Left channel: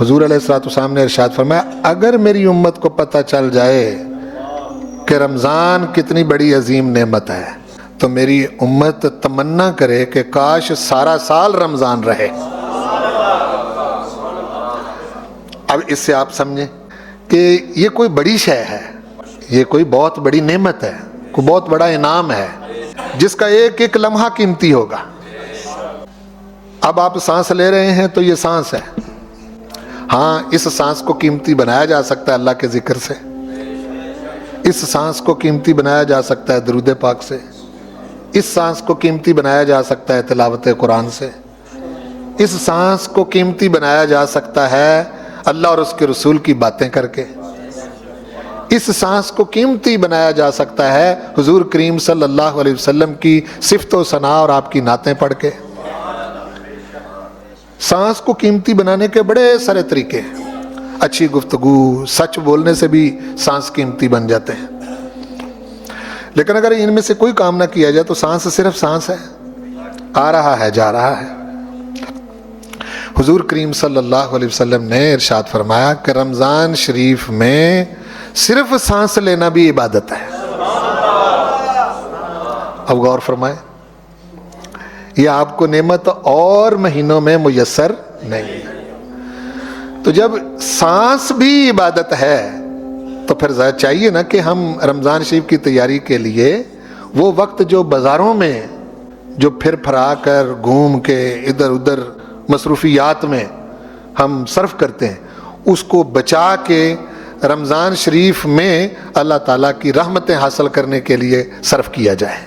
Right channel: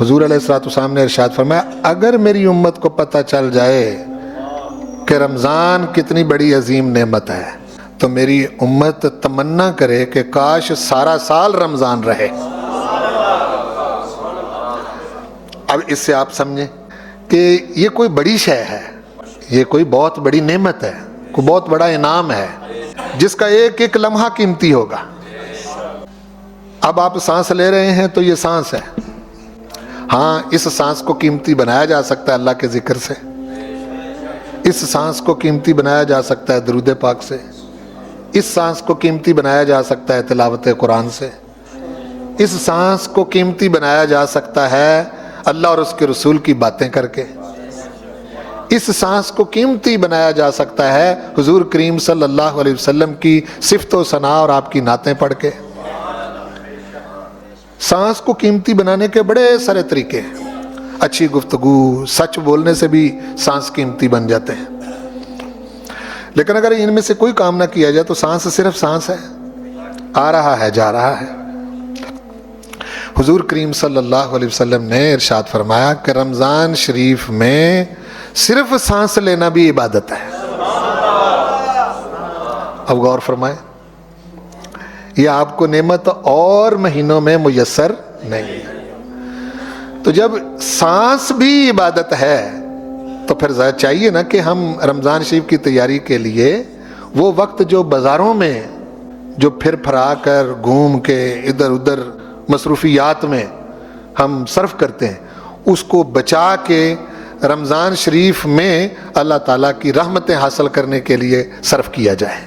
حضور علیہ الصلوۃ والسلام نے ارشاد فرمایا اگر میری امت کو پتہ چل جائے کہ رمضان کتنی بڑی عظیم نعمت ہے تو میری امت تمنا کرے کہ کاش سارا سال رمضان رہے۔ اب اس سے آپ سمجھیں کہ یہ کوئی بڑی شے ہے، یہ کوئی بہت بڑی نعمت ہے، کوئی بہت بڑا انعام ہے جس کا ایک ایک لمحہ قیمتی ہوگا۔ اب آپ سانس لے رہے ہیں تو یہ سانس ہے، ہاں اس سانس کو قیمتی بنایا جا سکتا ہے اللہ کے ذکر سے، اس سانس کو قیمتی بنایا جا سکتا ہے درود پاک سے، اس سانس کو قیمتی بنایا جا سکتا ہے تلاوت قرآن سے، اس سانس کو قیمتی بنایا جا سکتا ہے اللہ اور اس کے رسول کی باتیں کر کے، اس سانس کو قیمتی بنایا جا سکتا ہے حضور کریم صلی اللہ علیہ وسلم کی صفت و ثنا اور آپ کی نعتیں پڑھ کے۔ سانس کو قیمتی بنانے کے بڑے سارے طریقے ہیں، اچھی گفتگو، سچ بولنے سے بھی سانس قیمتی بن جاتے ہیں، لیکن اگر ان میں سے کوئی کام نہ کیا جائے تو سانس صرف سانس ہے، آ رہا ہے جا رہا ہے۔ حضور کریم صلی اللہ علیہ وسلم نے ارشاد فرمایا کہ رمضان شریف میں صرف سانس لینا بھی عبادت ہے۔ اب غور فرمائیں، یہ آپ کو نعمت اور مہینوں میں میسر نہیں ہے، تو جب سانس بھی عبادت ہے تو پھر چاہیے نا کہ ہم رمضان شریف کی تیاری کے لیے وہ وقت جو بازاروں میں جو پھر پھرا کر گھوم کے ادھر ادھر مصروفیات میں ہم صرف کرتے ہیں اس کو بچا کے رمضان شریف میں اللہ تعالیٰ کی رحمتیں حاصل کرنے کے لیے صرف کیا جائے۔